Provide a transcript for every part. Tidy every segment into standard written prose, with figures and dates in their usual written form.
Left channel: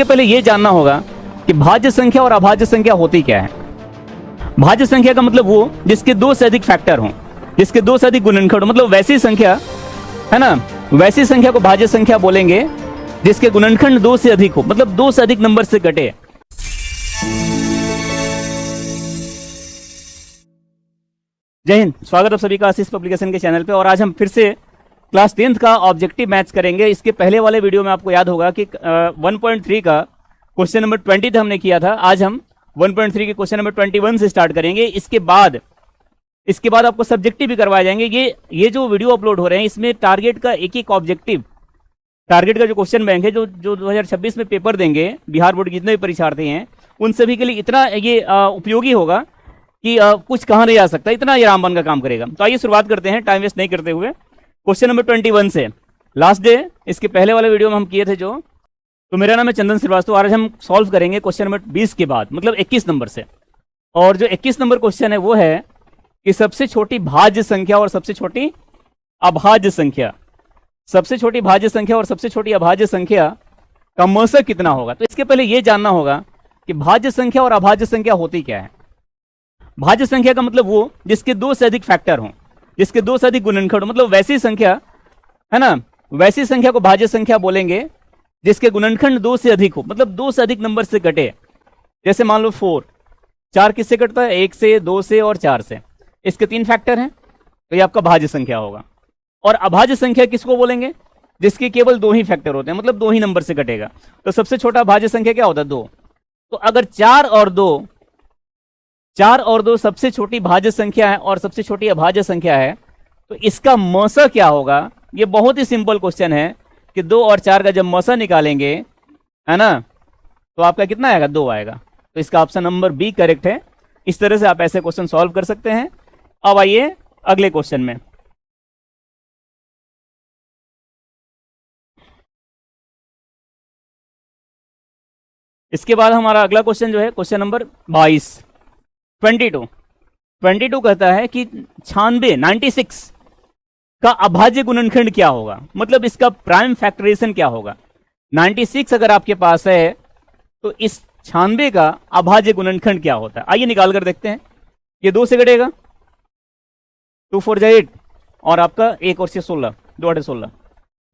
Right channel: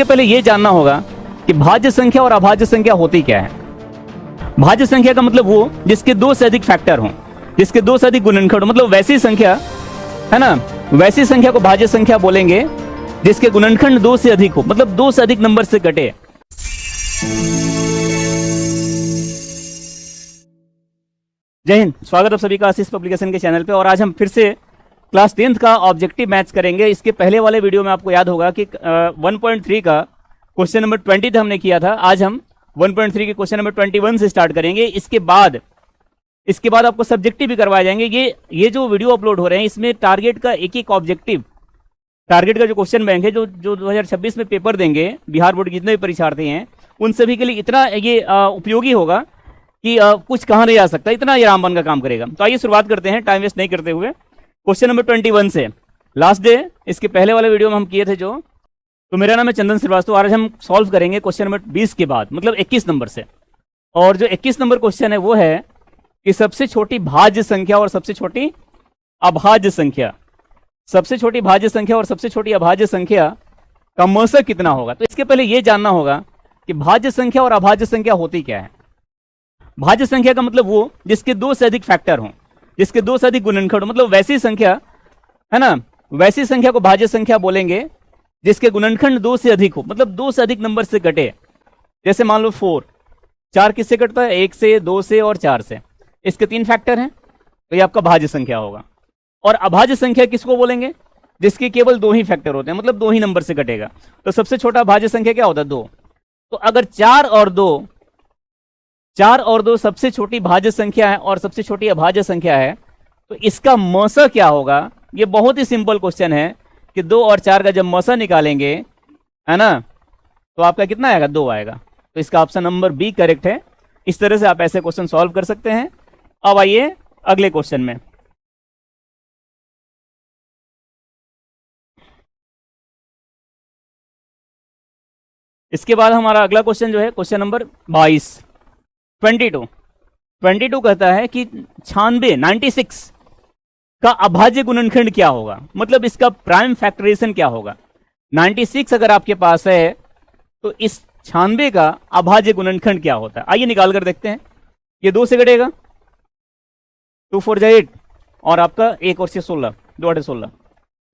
इसके पहले ये जानना होगा कि भाज्य संख्या और अभाज्य संख्या होती क्या है। भाज्य संख्या का मतलब वो जिसके दो से अधिक फैक्टर हों, जिसके दो से अधिक गुणनखंड, मतलब वैसी संख्या है ना, वैसी संख्या को भाज्य संख्या बोलेंगे जिसके गुणनखंड दो से अधिक हो, मतलब दो से अधिक नंबर से घटे। जय हिंद, स्वागत है सभी का आशीष पब्लिकेशन के चैनल पे। और आज हम फिर से क्लास 10th का ऑब्जेक्टिव मैथ्स करेंगे। इसके पहले वाले वीडियो में आपको याद होगा कि 1.3 का क्वेश्चन नंबर 20 हमने किया था। आज हम 1.3 के क्वेश्चन नंबर 21 से स्टार्ट करेंगे। इसके बाद आपको सब्जेक्टिव भी करवाए जाएंगे। ये जो वीडियो अपलोड हो रहे हैं इसमें टारगेट का एक ऑब्जेक्टिव, टारगेट का जो क्वेश्चन बैंक है, जो 2026 में पेपर देंगे बिहार बोर्ड के जितने भी परीक्षार्थी हैं उन सभी के लिए इतना ये उपयोगी होगा कि कुछ कहाँ नहीं आ सकता, इतना ये रामबाण का काम करेगा। तो आइए शुरुआत करते हैं टाइम वेस्ट नहीं करते हुए। क्वेश्चन नंबर 21 से लास्ट डे इसके पहले वाले वीडियो में हम किए थे जो। तो मेरा नाम है चंदन श्रीवास्तव। आज हम सॉल्व करेंगे क्वेश्चन नंबर 20 के बाद, मतलब 21 नंबर से। और जो 21 नंबर क्वेश्चन है वो है कि सबसे छोटी भाज्य संख्या और सबसे छोटी अभाज्य संख्या, सबसे छोटी भाज्य संख्या और सबसे छोटी अभाज्य संख्या का मौसा कितना होगा। तो इसके पहले ये जानना होगा कि भाज्य संख्या और अभाज्य संख्या होती क्या है। भाज्य संख्या का मतलब वो जिसके दो से अधिक फैक्टर हों, जिसके दो से अधिक गुणनखंड, मतलब वैसी संख्या है ना, वैसी संख्या को भाज्य संख्या बोलेंगे जिसके गुणनखंड दो से अधिक हो, मतलब दो से अधिक नंबर से घटे। जैसे मान लो 4, 4 किससे कटता है? 1 से, 2 से और 4 से। इसके 3 फैक्टर हैं तो ये आपका भाज्य संख्या होगा। और अभाज्य संख्या किसको बोलेंगे? जिसके केवल 2 ही फैक्टर होते हैं, मतलब 2 ही नंबर से घटेगा। तो सबसे छोटा भाज्य संख्या क्या होता है? 2। तो अगर 4 और 2 सबसे छोटी भाज्य संख्या है और सबसे छोटी अभाज्य संख्या है, तो इसका मौसा क्या होगा? ये बहुत ही सिंपल क्वेश्चन है कि 2 और 4 का जब मौसा निकालेंगे है ना, तो आपका कितना आएगा? 2 आएगा। तो इसका ऑप्शन नंबर बी करेक्ट है। इस तरह से आप ऐसे क्वेश्चन सॉल्व कर सकते हैं। अब आइए अगले क्वेश्चन में। इसके बाद हमारा अगला क्वेश्चन जो है क्वेश्चन नंबर 22 कहता है कि 96 का अभाज्य गुणनखंड क्या होगा, मतलब इसका प्राइम फैक्टराइजेशन क्या होगा। 96 अगर आपके पास है तो इस 96 का अभाज्य गुणनखंड क्या होता है, आइए निकाल कर देखते हैं। ये 2 से घटेगा, 2 4 8 और आपका 1 और से 16, 2 8 16,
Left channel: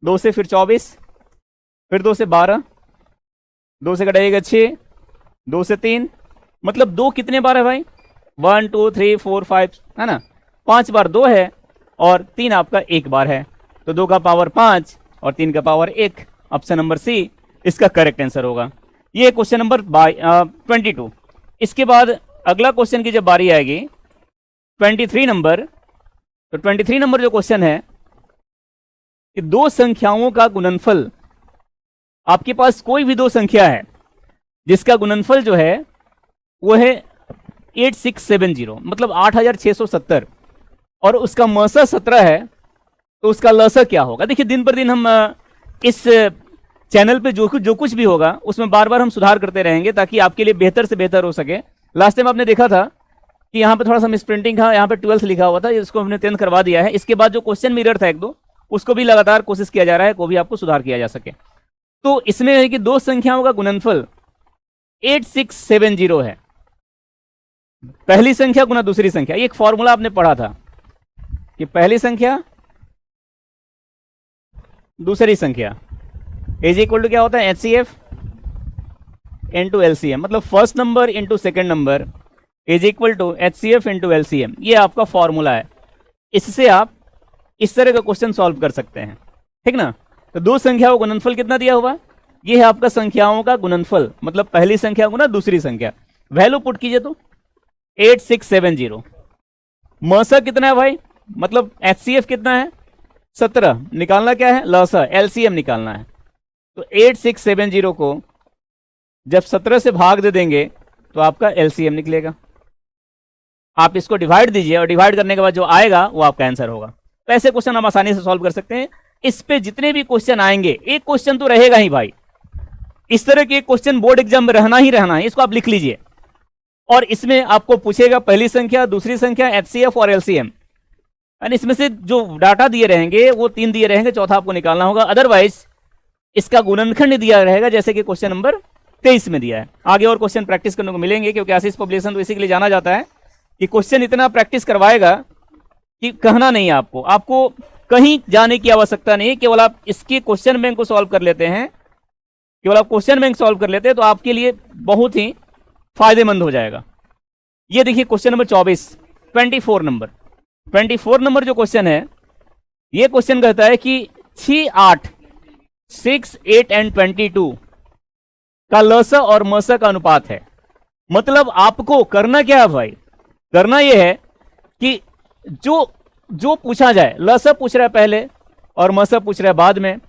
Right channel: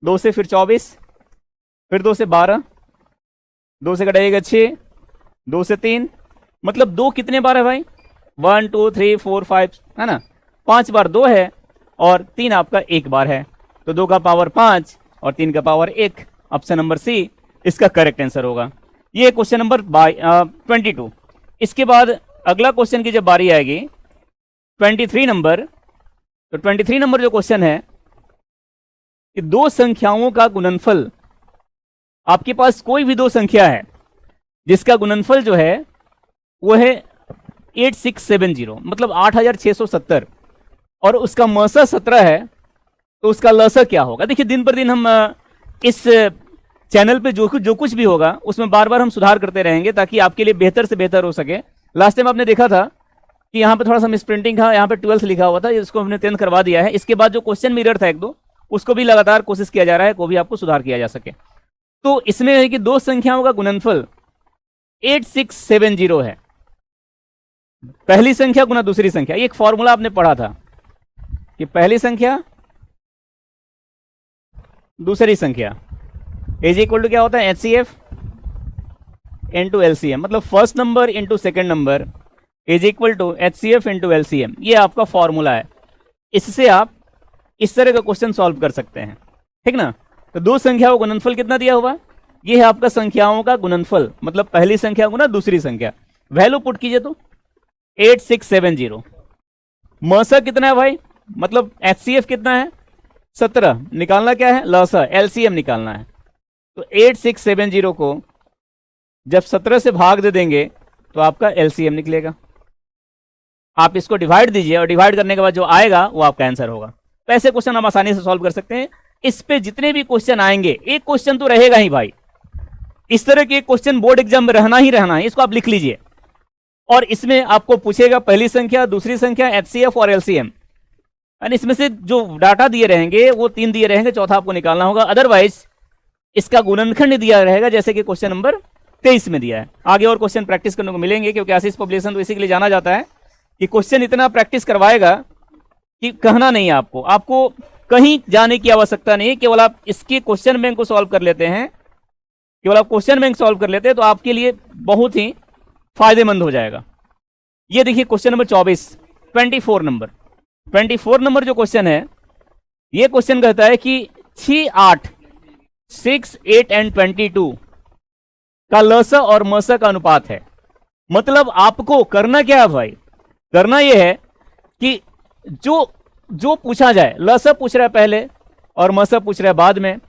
2 से फिर 24, फिर 2 से 12, 2 से घटेगा 6, 2 से 3, मतलब 2 कितने बार है भाई? 1 2 3 4 5 है ना, 5 बार 2 है और 3 आपका 1 बार है। तो 2 का पावर 5 और 3 का पावर 1। ऑप्शन नंबर सी इसका करेक्ट आंसर होगा। ये क्वेश्चन नंबर 22। इसके बाद अगला क्वेश्चन की जब बारी आएगी 23 नंबर, तो 23 नंबर जो क्वेश्चन है कि 2 संख्याओं का गुणनफल, आपके पास कोई भी 2 संख्या है जिसका गुणनफल जो है वो है 8670, मतलब 8670, और उसका मौसा 17 है, तो उसका लसा क्या होगा। देखिए दिन पर दिन हम इस चैनल पे जो कुछ भी होगा उसमें बार बार हम सुधार करते रहेंगे ताकि आपके लिए बेहतर से बेहतर हो सके। लास्ट टाइम आपने देखा था कि यहाँ पे थोड़ा सा मिसप्रिंटिंग था, यहाँ पे 12th लिखा हुआ था, इसको हमने 10th करवा दिया है। इसके बाद जो क्वेश्चन मिरर था 1-2, उसको भी लगातार कोशिश किया जा रहा है को भी आपको सुधार किया जा सके। तो इसमें है कि 2 संख्याओं का गुणनफल 8670 है, पहली संख्या गुना दूसरी संख्या। एक फॉर्मूला आपने पढ़ा था कि पहली संख्या दूसरी संख्या इज इक्वल टू क्या होता है? HCF इंटू LCM, मतलब first number into second number is equal to HCF into LCM। ये आपका फॉर्मूला है। इससे आप इस तरह का क्वेश्चन सॉल्व कर सकते हैं, ठीक ना। तो 2 संख्याओं का गुणनफल कितना दिया होगा? ये है आपका संख्याओं का गुणनफल, मतलब पहली संख्या गुना दूसरी संख्या। वैल्यू पुट कीजिए तो 8670। मौसा कितना है भाई? मतलब HCF कितना है? 17। निकालना क्या है? लौसा, LCM निकालना है। तो 8670 को जब 17 से भाग दे देंगे तो आपका LCM निकलेगा। आप इसको डिवाइड दीजिए और डिवाइड करने के बाद जो आएगा वो आपका आंसर होगा। तो ऐसे क्वेश्चन हम आसानी से सॉल्व कर सकते हैं। इस पे जितने भी क्वेश्चन आएंगे, एक क्वेश्चन तो रहेगा ही भाई। इस तरह के क्वेश्चन बोर्ड एग्जाम में रहना ही रहना है, इसको आप लिख लीजिए। और इसमें आपको पूछेगा पहली संख्या, दूसरी संख्या, HCF और LCM, और इसमें से जो डाटा दिए रहेंगे वो 3 दिए रहेंगे, चौथा आपको निकालना होगा। अदरवाइज इसका गुणनखंड दिया रहेगा, जैसे कि क्वेश्चन नंबर 23 में दिया है। आगे और क्वेश्चन प्रैक्टिस करने को मिलेंगे, क्योंकि आशीष पब्लिकेशन तो इसी के लिए जाना जाता है कि क्वेश्चन इतना प्रैक्टिस करवाएगा कि कहना नहीं है आपको, आपको कहीं जाने की आवश्यकता नहीं है। केवल आप इसकी क्वेश्चन बैंक को सॉल्व कर लेते हैं, केवल आप क्वेश्चन बैंक सॉल्व कर लेते हैं तो आपके लिए बहुत ही फायदेमंद हो जाएगा। ये देखिए क्वेश्चन नंबर 24 24 नंबर जो क्वेश्चन है, ये क्वेश्चन कहता है कि 6, 8, 6, 8 एंड 22 का लसा और मसा का अनुपात है। मतलब आपको करना क्या है भाई, करना यह है कि जो पूछा जाए, लसा पूछ रहा है पहले और मसा पूछ रहा है बाद में,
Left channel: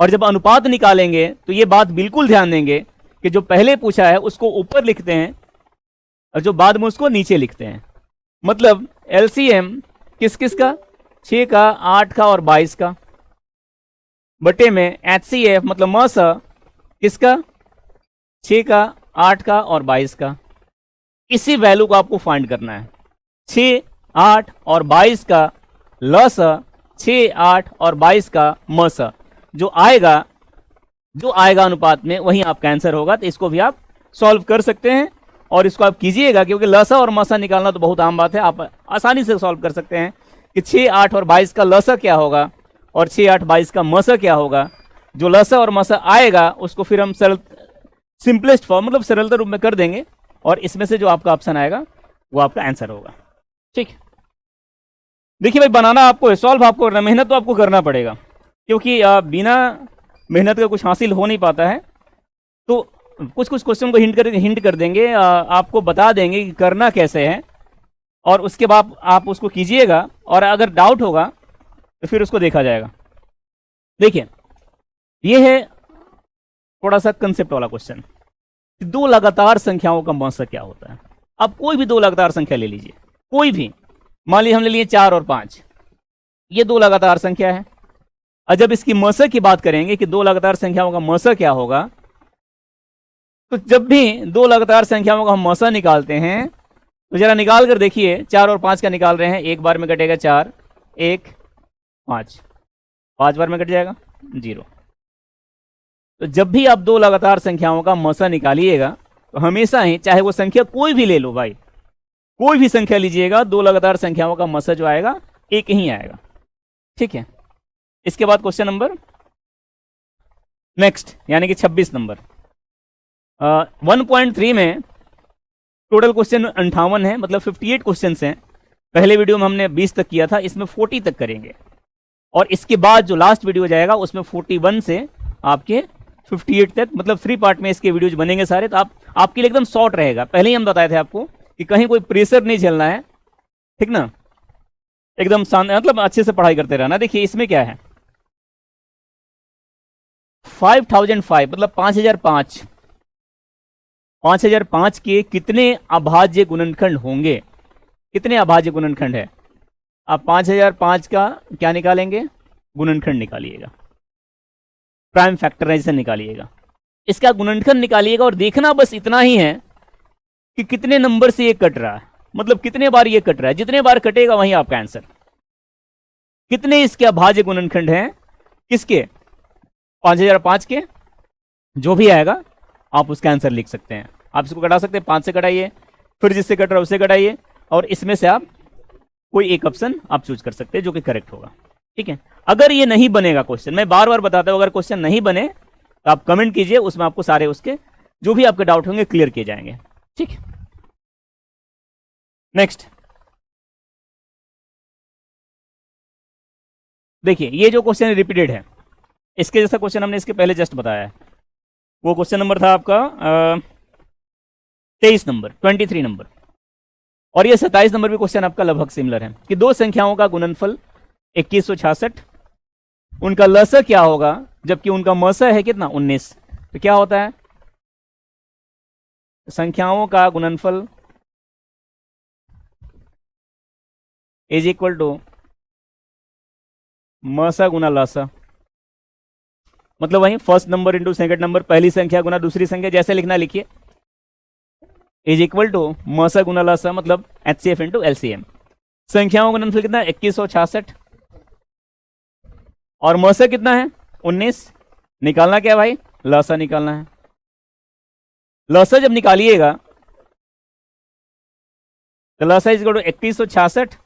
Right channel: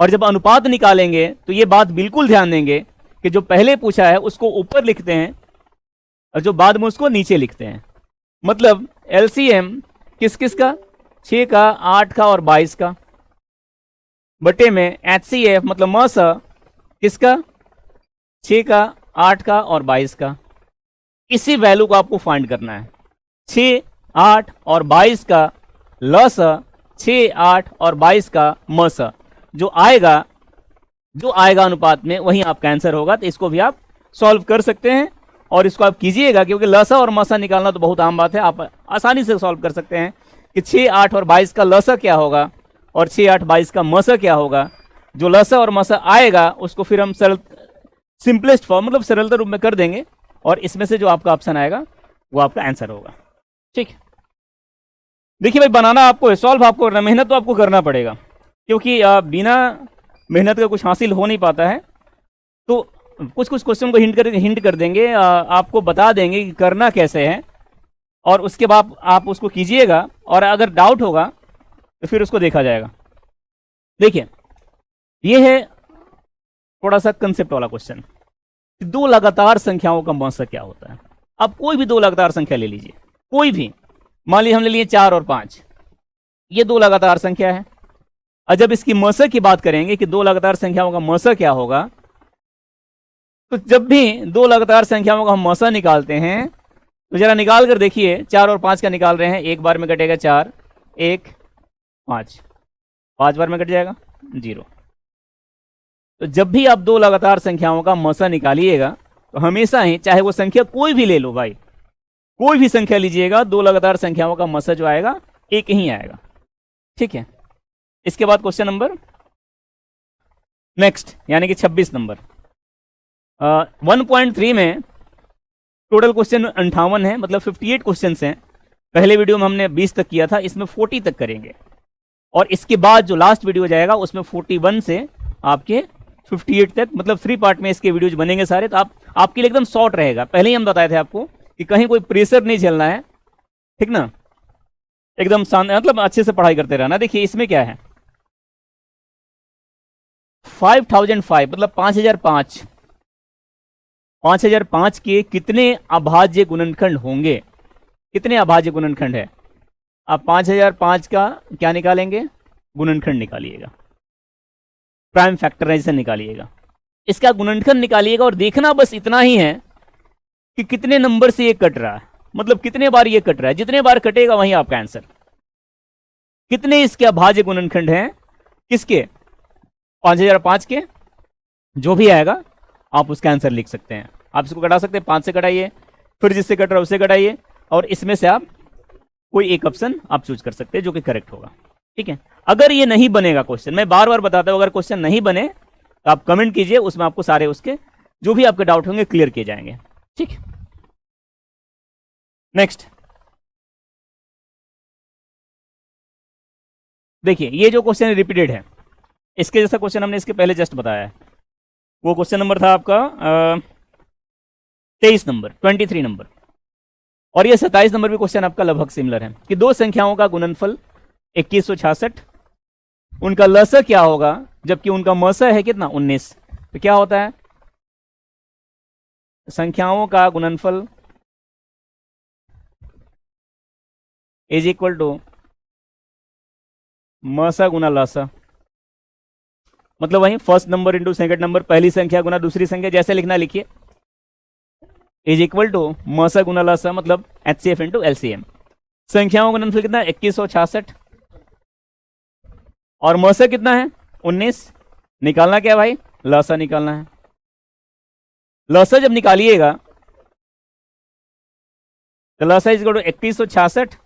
और जब अनुपात निकालेंगे तो ये बात बिल्कुल ध्यान देंगे कि जो पहले पूछा है उसको ऊपर लिखते हैं और जो बाद में उसको नीचे लिखते हैं। मतलब एलसीएम किस किस का, 6 का, 8 का और 22 का, बटे में एचसीएफ मतलब मसा किसका, 6 का, 8 का और 22 का। इसी वैल्यू को आपको फाइंड करना है। 6, 8 और 22 का लसा, 6, 8 और 22 का मसा, जो आएगा अनुपात में वही आपका आंसर होगा। तो इसको भी आप सॉल्व कर सकते हैं और इसको आप कीजिएगा, क्योंकि लसा और मसा निकालना तो बहुत आम बात है, आप आसानी से सॉल्व कर सकते हैं कि 6, 8 और 22 का लसा क्या होगा और 6, 8, 22 का मसा क्या होगा। जो लसा और मसा आएगा उसको फिर हम सिंपलेस्ट फॉर्म मतलब सरलता रूप में कर देंगे और इसमें से जो आपका ऑप्शन आएगा वो आपका आंसर होगा। ठीक, देखिए भाई बनाना आपको है, सॉल्व आपको करना, मेहनत तो आपको करना पड़ेगा, क्योंकि बिना मेहनत का कुछ हासिल हो नहीं पाता है। तो कुछ क्वेश्चन को हिंट कर देंगे, आपको बता देंगे कि करना कैसे है, और उसके बाद आप उसको कीजिएगा और अगर डाउट होगा तो फिर उसको देखा जाएगा। देखिए ये है थोड़ा सा कंसेप्ट वाला क्वेश्चन, दो लगातार संख्याओं का मसा क्या होता है। अब कोई भी दो लगातार संख्या ले लीजिए, कोई भी, मान लीजिए हमने लिए 4 और 5, ये दो लगातार संख्या है। और जब इसकी मसा की बात करेंगे कि दो लगातार संख्याओं का मसा क्या होगा, तो जब भी दो लगातार संख्याओं का हम मसा निकालते हैं तो जरा निकाल कर देखिए, 4 और 5 का निकाल रहे हैं, एक बार में कटेगा 4, 1, 5, 5 बार में कट जाएगा 0। तो जब भी आप दो लगातार संख्याओं का मसा निकालिएगा, हमेशा ही चाहे वो संख्या कोई भी ले लो भाई, कोई भी संख्या लीजिएगा, दो लगातार संख्याओं का मसा जो आएगा एक ही आएगा। ठीक है, इसके बाद क्वेश्चन नंबर नेक्स्ट यानी कि 26 नंबर 1.3 में टोटल क्वेश्चन 58 है, मतलब 58 क्वेश्चन हैं। पहले वीडियो में हमने 20 तक किया था, इसमें 40 तक करेंगे, और इसके बाद जो लास्ट वीडियो जाएगा उसमें 41 से आपके 58 तक, मतलब 3 पार्ट में इसके वीडियोज बनेंगे सारे। तो आपके लिए एकदम शॉर्ट रहेगा। पहले ही हम बताए थे आपको कि कहीं कोई प्रेशर नहीं चलना है, ठीक ना, एकदम शानदार, मतलब अच्छे से पढ़ाई करते रहना। देखिए इसमें क्या है, 5005 मतलब 5005, 5005 के कितने अभाज्य गुणनखंड होंगे, कितने अभाज्य गुणनखंड है। आप 5005 का क्या निकालेंगे, गुणनखंड निकालिएगा, प्राइम फैक्टराइजेशन निकालिएगा, इसका गुणनखंड निकालिएगा, और देखना बस इतना ही है कि कितने नंबर से ये कट रहा है, मतलब कितने बार ये कट रहा है। जितने बार कटेगा वही आपका आंसर। कितने इसके अभाज्य गुणनखंड है, किसके, 5005 के, जो भी आएगा आप उसका आंसर लिख सकते हैं। आप इसको कटा सकते हैं, 5 से कटाइए, फिर जिससे कट रहा है उससे कटाइए, और इसमें से आप कोई एक ऑप्शन आप चूज कर सकते हैं जो कि करेक्ट होगा। ठीक है, अगर ये नहीं बनेगा क्वेश्चन, मैं बार बार बताता हूं, अगर क्वेश्चन नहीं बने तो आप कमेंट कीजिए, उसमें आपको सारे उसके जो भी आपके डाउट होंगे क्लियर किए जाएंगे। ठीक, नेक्स्ट देखिए, ये जो क्वेश्चन रिपीटेड है, इसके जैसा क्वेश्चन हमने इसके पहले जस्ट बताया है। वो क्वेश्चन नंबर था आपका 23 नंबर 23 नंबर, और यह 27 नंबर भी क्वेश्चन आपका लगभग सिमिलर है कि दो संख्याओं का गुणनफल 2166, उनका लसा क्या होगा जबकि उनका मसा है कितना, 19। तो क्या होता है, संख्याओं का गुणनफल इज इक्वल टू मसा गुना लसा, मतलब वही first number into second number, पहली संख्या गुना दूसरी संख्या, जैसे लिखना लिखिए, इज इक्वल टू मसा गुना लसा मतलब एचसीएफ इंटू एलसीएम। संख्याओं का गुणनफल कितना है, 2166, और मसा कितना है, 19। निकालना क्या भाई, लसा निकालना है। लॉसा जब निकालिएगा, लॉसा इज इक्वल टू 3166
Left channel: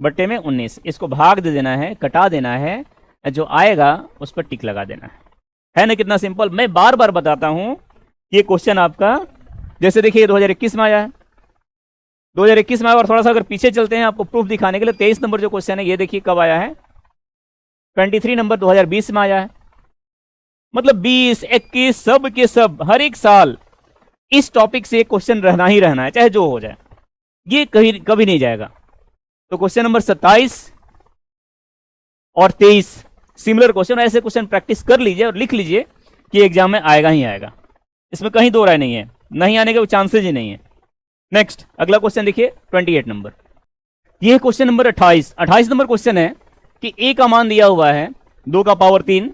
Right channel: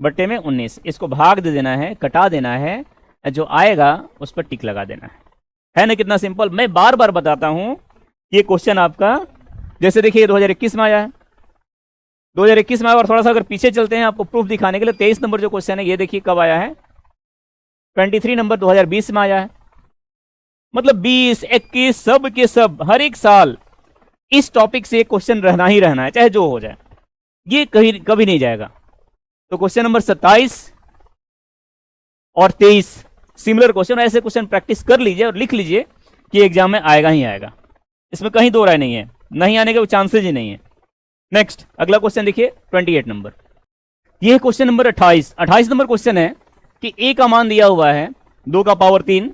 बट्टे में 19, इसको भाग दे देना है, कटा देना है, जो आएगा उस पर टिक लगा देना है ना। कितना सिंपल। मैं बार बार बताता हूं, ये क्वेश्चन आपका जैसे देखिए 2021 में आया है, 2021 में आया, और थोड़ा सा अगर पीछे चलते हैं आपको प्रूफ दिखाने के लिए, 23 नंबर जो क्वेश्चन है ये देखिए कब आया है, 23 नंबर 2020 में आया है। मतलब 20, 21 सब के सब हर एक साल इस टॉपिक से क्वेश्चन रहना ही रहना है, चाहे जो हो जाए, ये कहीं कभी नहीं जाएगा। तो क्वेश्चन नंबर 27 और 23 सिमिलर क्वेश्चन, ऐसे क्वेश्चन प्रैक्टिस कर लीजिए और लिख लीजिए कि एग्जाम में आएगा ही आएगा, इसमें कहीं दो राय नहीं है, नहीं आने के चांसेस ही नहीं है। नेक्स्ट अगला क्वेश्चन देखिए 28 नंबर, ये क्वेश्चन नंबर 28 नंबर क्वेश्चन है कि ए का मान दिया हुआ है 2 का पावर 3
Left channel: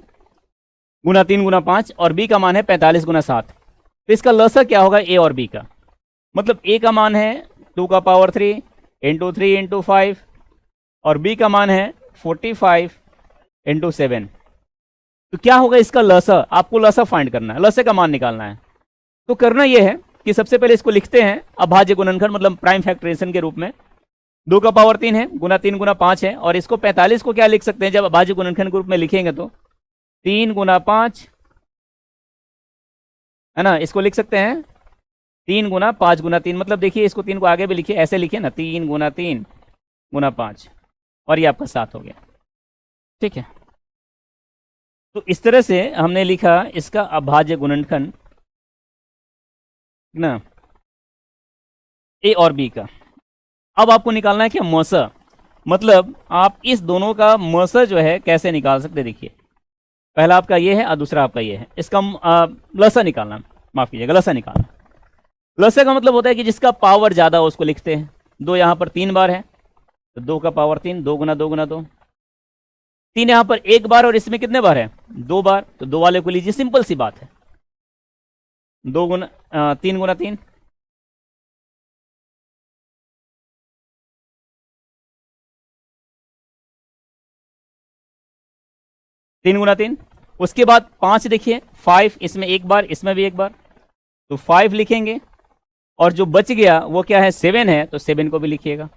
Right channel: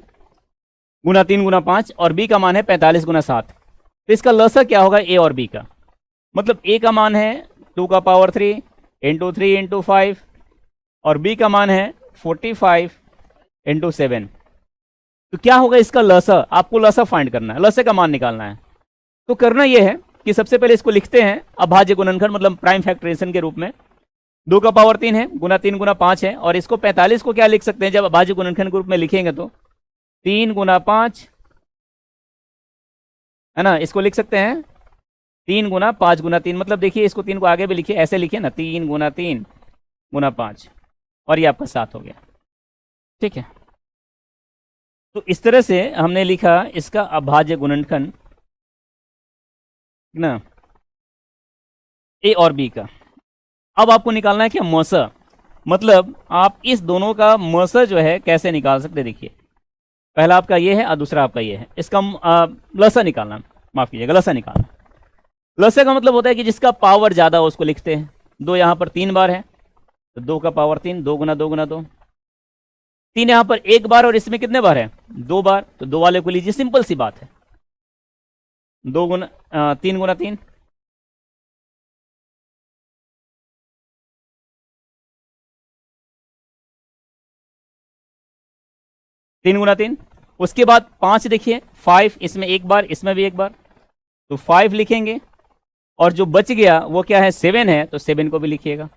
गुना 3 गुना 5 और बी का मान है 45 गुना 7। तो इसका लसा क्या होगा ए और बी का? मतलब ए का मान है 2 का पावर 3 इंटू 3 इंटू 5 और बी का मान है 45 इंटू 7। तो क्या होगा इसका लसा? आपको लसा फाइंड करना है, लसे का मान निकालना है। तो करना यह है कि सबसे पहले इसको लिखते हैं अभाज्य गुणनखंड, मतलब प्राइम फैक्टराइजेशन के रूप में। 2 का पावर 3 है गुना 3 गुना 5 है, और इसको 45 को क्या लिख सकते हैं जब अभाज्य गुणनखंड के रूप में लिखेंगे तो 3 गुना 5 है ना, इसको लिख सकते हैं 3 गुना 5 गुना 3। मतलब देखिए इसको 3 को आगे भी लिखिए, ऐसे लिखिए ना, 3 गुना 3 गुना 5 और ये आपका 7 हो गया। ठीक है, तो इस तरह से हमने लिखा इसका अभाज्य गुणनखंड ना ए और बी का। अब आपको निकालना है कि मौसा, मतलब आप इस दोनों का मौसा जो है कैसे निकाल सकते, देखिए पहला आपका ये है और दूसरा आपका ये है, इसका लसा निकालना, माफ कीजिएगा लसा निकालना। लसा का मतलब होता है कि जिसका पावर ज्यादा हो उसको लिखते हैं। 2 यहाँ पर 3 बार है, 2 का पावर 3, 2 गुना 2 गुना 2, 3 यहाँ पर 1 बार और इसमें कितने बार है 2 बार, तो 2 वाले को लीजिए, सिंपल सी बात है। 2 गुना 3 गुना 3 3 गुना 3, उसके बाद 5 देखिए 5, इसमें 1 बार, इसमें भी 1 बार, तो 5 लिखेंगे, और जो बच गया वो क्या है 7 है, तो 7 को भी लिखिएगा।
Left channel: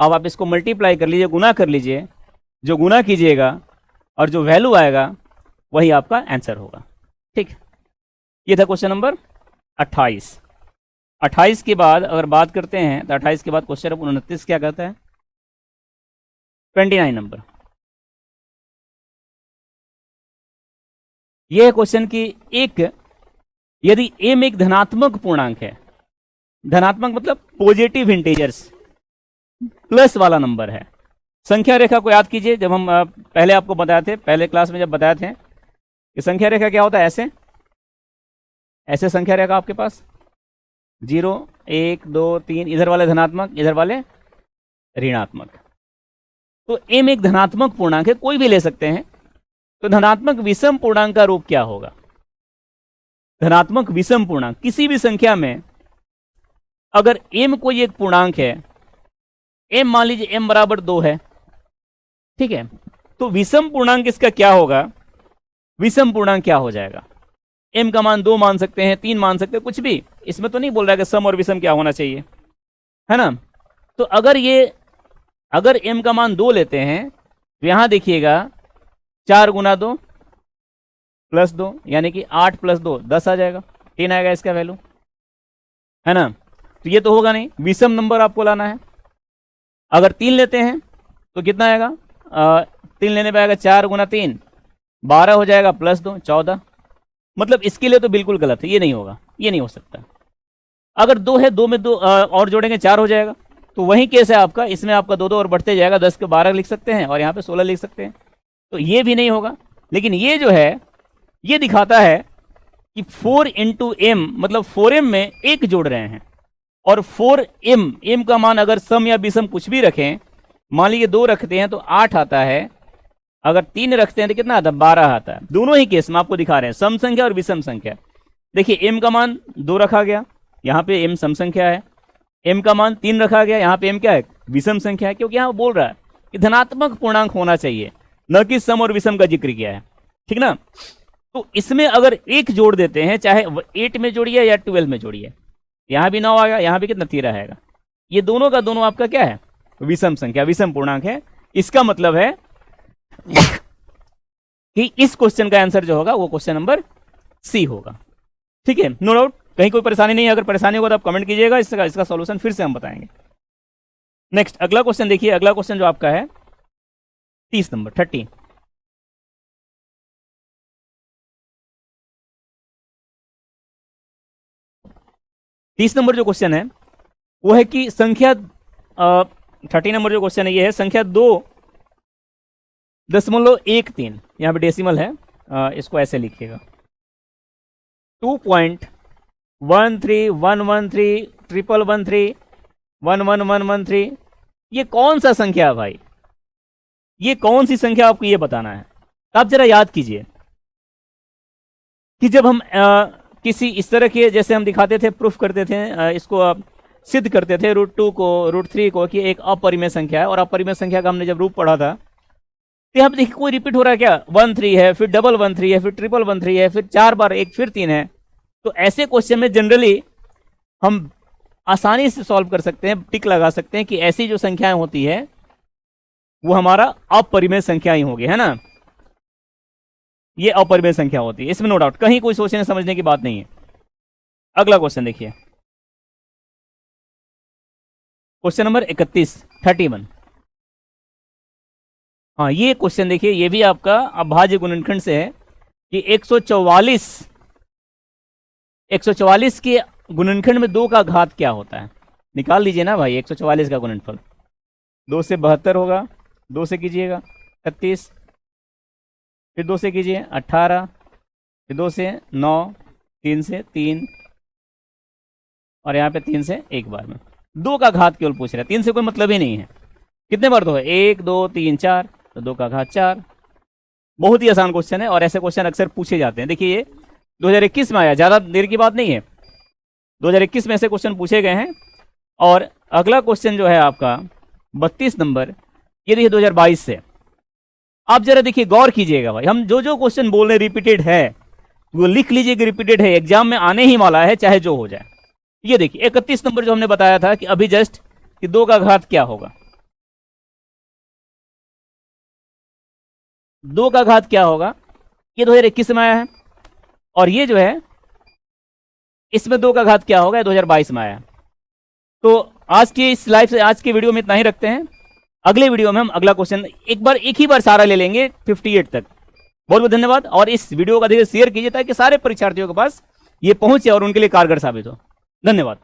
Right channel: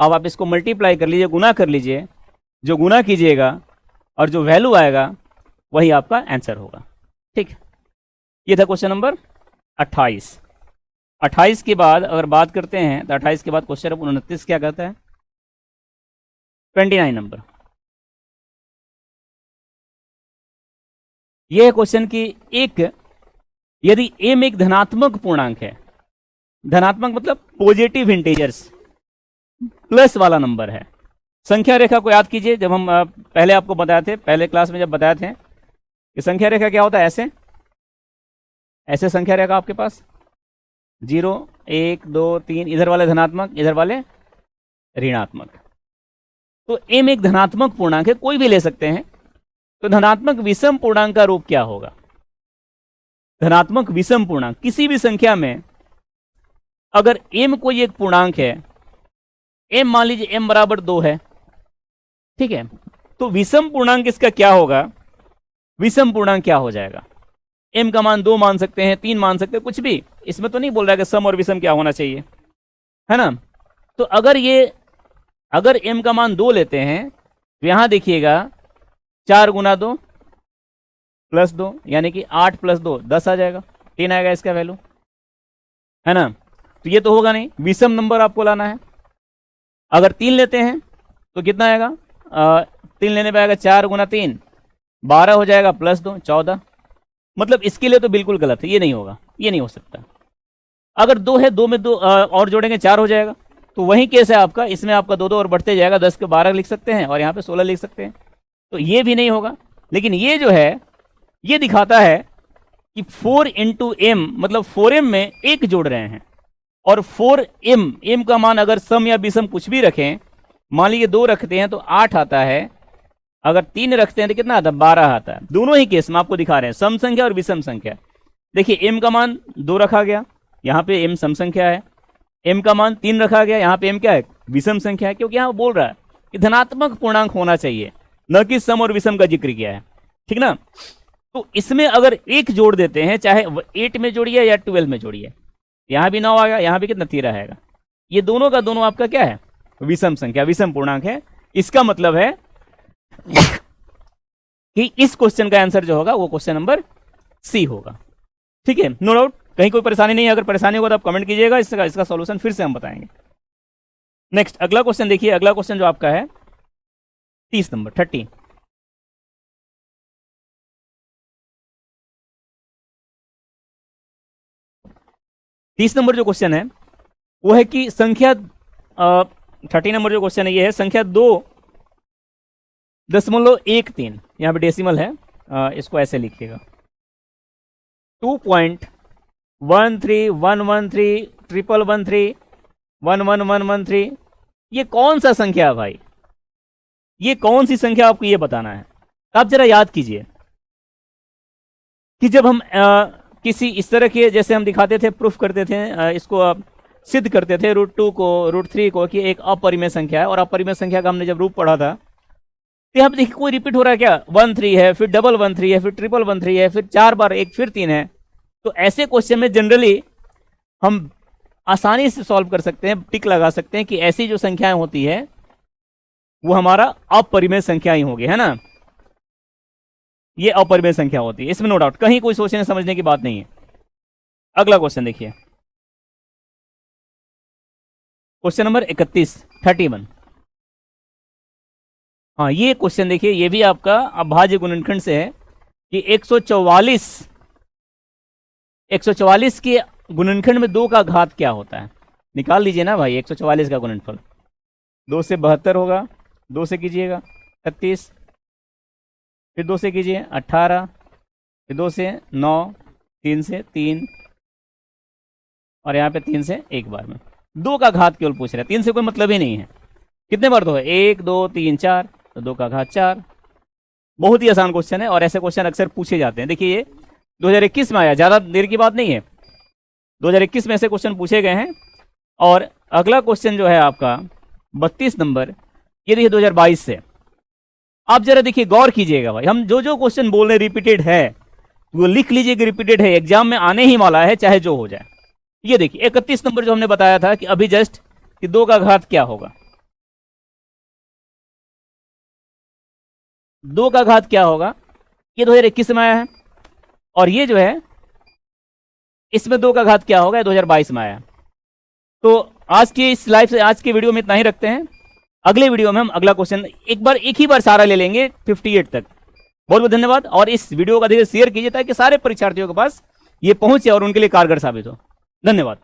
अब आप इसको मल्टीप्लाई कर लीजिए, गुना कर लीजिए, जो गुना कीजिएगा और जो वैल्यू आएगा वही आपका आंसर होगा। ठीक, ये था क्वेश्चन नंबर 28। 28 के बाद अगर बात करते हैं तो 28 के बाद क्वेश्चन नंबर 29 क्या कहते हैं, 29 नंबर। यह क्वेश्चन की एक, यदि m एक धनात्मक पूर्णांक है, धनात्मक मतलब पॉजिटिव इंटीजर्स प्लस वाला नंबर है। संख्या रेखा को याद कीजिए, जब हम पहले आपको बताए थे, पहले क्लास में जब बताए थे कि संख्या रेखा क्या होता है, ऐसे ऐसे संख्या रेखा आपके पास 0 1 2 3, इधर वाले धनात्मक, इधर वाले ऋणात्मक। तो m एक धनात्मक पूर्णांक है, कोई भी ले सकते हैं। तो धनात्मक विषम पूर्णांक का रूप क्या होगा? धनात्मक विषम पूर्णांक किसी भी संख्या में अगर m कोई एक पूर्णांक है, m मान लीजिए m बराबर 2 है, ठीक है, तो विषम पूर्णांक इसका क्या होगा? विषम पूर्णांक क्या हो जाएगा? m का मान 2 मान सकते हैं, 3 मान सकते हैं, कुछ भी, इसमें तो नहीं बोल रहा है कि सम और विषम क्या होना चाहिए, है ना। तो अगर m का मान 2 लेते हैं तो यहां देखिएगा 4 गुना 2 प्लस 2 यानी कि 8 प्लस 2 10 आ जाएगा, 3 आएगा इसका वैल्यू, है ना। तो ये तो होगा नहीं, विषम नंबर आपको लाना है। अगर 3 लेते हैं तो कितना आएगा, 3 लेने पे आएगा 4 गुना 3 12 हो जाएगा, प्लस 2 14। मतलब इसके लिए तो बिल्कुल गलत है, ये नहीं होगा, ये नहीं हो सकता। अगर 2 है, 2 में तो और जोड़ेंगे 4 हो जाएगा। तो वही केस है आपका, इसमें आपका 2 2 और बढ़ते जाएगा, 10 के 12 लिख सकते हैं और यहाँ पे 16 लिख सकते हैं, तो ये भी नहीं होगा। लेकिन ये जो है ये दिखाता है कि 4 इंटू एम, मतलब 4m में 1 जोड़ रहे हैं, और 4m का मान अगर सम या विषम कुछ भी रखें, मान लीजिए 2 रखते हैं तो 8 आता है, अगर 3 रखते हैं तो कितना आता है 12 आता है। दोनों ही केस में आपको दिखा रहे हैं सम संख्या और विषम संख्या। देखिए m का मान 2 रखा गया, यहाँ पे m सम संख्या है, m का मान 3 रखा गया, यहाँ पे m क्या है विषम संख्या है, क्योंकि यहाँ बोल रहा है कि धनात्मक पूर्णांक होना चाहिए, न कि सम और विषम का जिक्र किया है, ठीक ना। इसमें अगर एक जोड़ देते हैं, चाहे 8 में जोड़िए या 12 में जोड़िए, यहां भी 9 आएगा, यहां भी कितना 13 आएगा। ये दोनों का दोनों आपका क्या है, विषम संख्या, विषम पूर्णांक है। इसका मतलब है कि इस क्वेश्चन का आंसर जो होगा वो क्वेश्चन नंबर सी होगा। ठीक है, नो डाउट, कहीं कोई परेशानी नहीं है। अगर परेशानी हो तो आप कमेंट कीजिएगा, इसका सॉल्यूशन फिर से हम बताएंगे। नेक्स्ट अगला क्वेश्चन देखिए, अगला क्वेश्चन जो आपका है 30 नंबर 30। नंबर जो क्वेश्चन है वो है कि संख्या 30 नंबर जो क्वेश्चन है ये है संख्या 2.13, यहाँ पे डेसिमल है, इसको ऐसे लिखिएगा 2.131131131113 ये कौन सा संख्या है भाई, ये कौन सी संख्या आपको ये बताना है। आप जरा याद कीजिए कि जब हम किसी इस तरह के, जैसे हम दिखाते थे, प्रूफ करते थे, इसको आप सिद्ध करते थे √2 को √3 को कि एक अपरिमेय संख्या है, और अपरिमेय संख्या का हमने जब रूप पढ़ा था, तो यहाँ पे देखिए कोई रिपीट हो रहा है क्या, 13 है, फिर 113 है, फिर 1313 है, फिर 4 बार 1, फिर 3 है। तो ऐसे क्वेश्चन में जनरली आसानी से सॉल्व कर सकते हैं, टिक लगा सकते हैं कि ऐसी जो संख्याएं होती है वो हमारा अपरिमेय संख्या ही होगी, है ना, ये अपरिमेय संख्या होती है, इसमें नो डाउट, कहीं कोई सोचने समझने की बात नहीं है। अगला क्वेश्चन देखिए, क्वेश्चन नंबर 31। हाँ, ये क्वेश्चन देखिए, ये भी आपका अभाज्य गुणनखंड से है कि 144 के गुणनखंड में 2 का घात क्या होता है, निकाल लीजिए ना भाई। 144 का गुणनफल 2 से 72 होगा, 2 से कीजिएगा 36, फिर 2 से कीजिए 18, फिर 2 से 9, 3 से 3, और यहाँ पे 3 से एक बार में 2 का घात केवल पूछ रहा है, 3 से कोई मतलब ही नहीं है। कितने बार 2 है, 1 2 3 4, तो 2 का घात 4। बहुत ही आसान क्वेश्चन है और ऐसे क्वेश्चन अक्सर पूछे जाते हैं। देखिए ये 2021 में आया, ज्यादा देर की बात नहीं है, 2021 में ऐसे क्वेश्चन पूछे गए हैं। और अगला क्वेश्चन जो है आपका 32 नंबर, ये भी है 2022 से। आप जरा देखिए, गौर कीजिएगा भाई, हम जो क्वेश्चन बोल रहे हैं रिपीटेड है, वो लिख लीजिए कि रिपीटेड है, एग्जाम में आने ही वाला है, चाहे जो हो जाए। ये देखिए 31 नंबर जो हमने बताया था कि अभी जस्ट कि 2 का घात क्या होगा, 2 का घात क्या होगा, ये 2021 में आया है, और ये जो है इसमें 2 का घात क्या होगा, 2022 में आया। तो आज के इस लाइव से, आज की वीडियो में इतना ही रखते हैं। अगली वीडियो में हम अगला क्वेश्चन एक ही बार सारा ले लेंगे 58 तक। बहुत बहुत धन्यवाद, और इस वीडियो का देखिए शेयर कीजिए ताकि सारे परीक्षार्थियों के पास ये पहुंचे और उनके लिए कारगर साबित हो। धन्यवाद।